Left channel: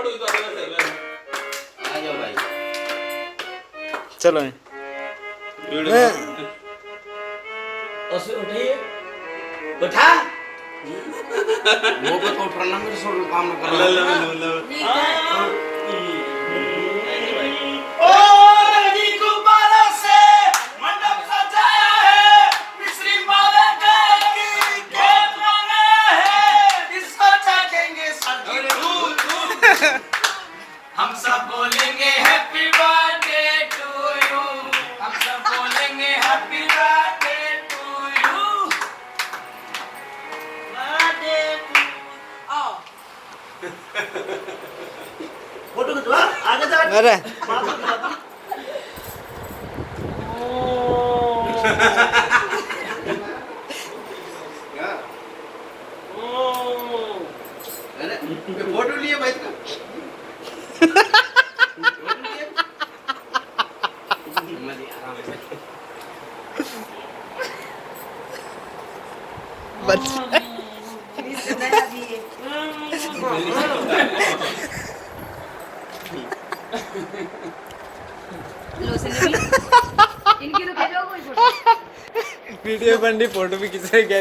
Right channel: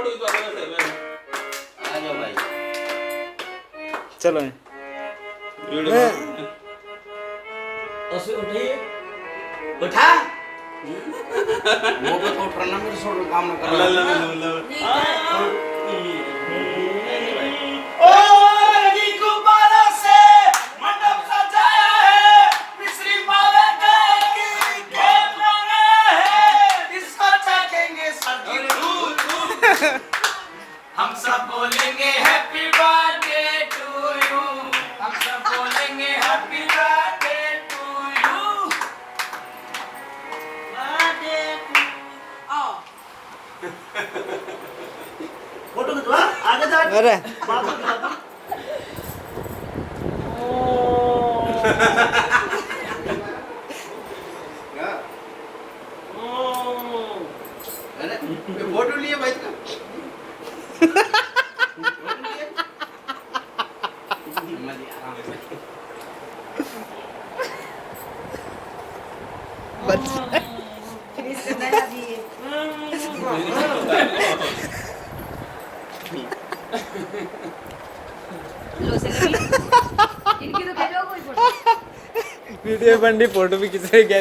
आ जाओ भाई। चलो उठाइए, उठा। वो तो उठाना मेरे शोल्डर काम न कर। ओ लगी गुब्बारों से मंडप सजाया है, मिस्री माला की खेल रहा है, इसको चाहेंगे सभी दूर दूर। हम सब बोलेंगे हैप्पी बर्थडे टू यू, हम सब बोलेंगे happy birthday to you. Photo खिंचवा आगे जा। अरे फोटो लिए भाई वीडियो बन रही, फोटो भी खींचे क्या